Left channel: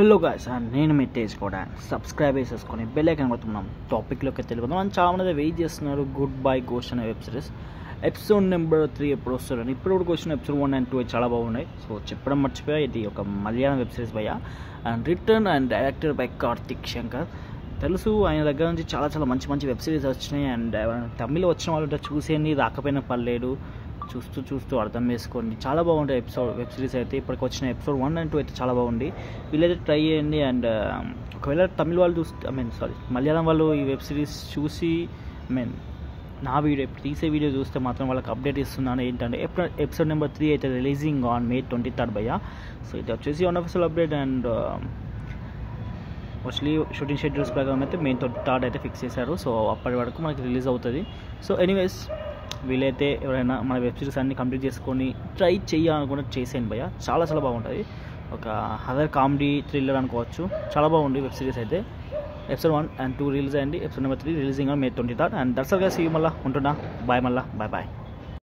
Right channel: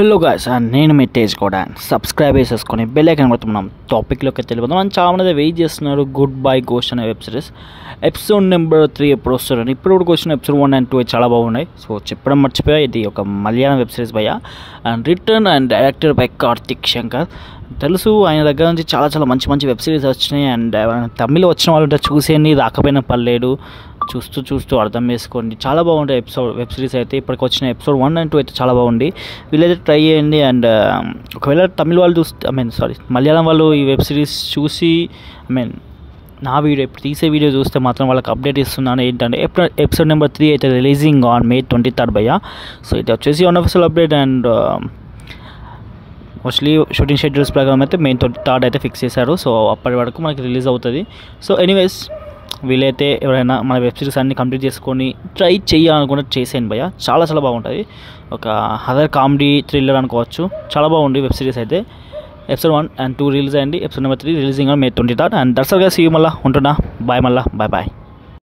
Hello guys, నేను మీ తేజ్ కూడా subscribe చేసేసుకొని బెల్ ఐకాన్ కొడుతున్నాం. టాపిక్లోకి వెళ్ళిపోతాం. మనం చాలామంది వెయిట్ చేస్తున్నారు గుడ్ బై గోస్ట్ అనే వెబ్ సిరీస్ ఎపిసోడ్ నెంబర్ 3 ఎప్పుడు వస్తుందని. ఇప్పుడు కూడా వచ్చిన ఎపిసోడ్ 1 and 2 చాలా బాగున్నాయి. సో చెప్పడం మర్చిపోయా, ఇది ఒక మలయాళం వెబ్ సిరీస్ భయ్యా, and return and director by Karthik Shankar. తెలుసు ఆయన దగ్గర నుంచి చాలా మంచి మంచి వెబ్ సిరీస్ వచ్చినాయి. అండ్ తమిళ వచ్చిన వాళ్ళు చూసేయండి, రాకపోయినా పర్లేదు, చూస్తూ అర్థం చేసుకోండి. చాలా బాగుంటాయి వెబ్ సిరీస్ అయితే. ఇప్పటికి వచ్చిన ఎపిసోడ్ 1 and 2 అయితే చాలా బాగుంది. వీళ్ళైతే ట్రై చేయండి. అండ్ ఒకవేళ తమిళ వాళ్ళు చూస్తే మలయాళం వాళ్ళు ఈ వెబ్ సిరీస్ చూసి నా వీడియో ఇప్పుడు తీసే వీడియో చూస్తే మాత్రం వాళ్ళకి అప్డేట్ ఇస్తున్నాను. ఏంటంటే ఎపిసోడ్ నెంబర్ 3 అయితే రిలీజింగ్ ఆన్ May 23rd భయ్యా. సో ఇది వచ్చేసి unofficial update. And mostly shooting schedules ప్రకారం అయితే May 23rd అయితే ఫిక్స్ చేశారు. సో అప్పటి వరకు మనకి రిలీజ్ అవుతుంది. సో ఎనీవేస్, వీలైతే ఎవరైనా మన వెబ్ సిరీస్ అన్ని కంప్లీట్ చేసుకొని ట్రై చేయాలనుకుంటే చేసేయండి భయ్యా. చాలా బాగుంటుంది. ఒక హర్రర్ కామెడీ థ్రిల్లర్ అనుకోవచ్చు. చాలా బాగుంది వెబ్ సిరీస్ అయితే. ఎపిసోడ్ 1 and 2 రిలీజ్ అయ్యింది. Episode number 3 releasing on May 23rd. And that's all guys. See you మళ్ళీ ఉంటున్నా. బాయ్. బాయ్.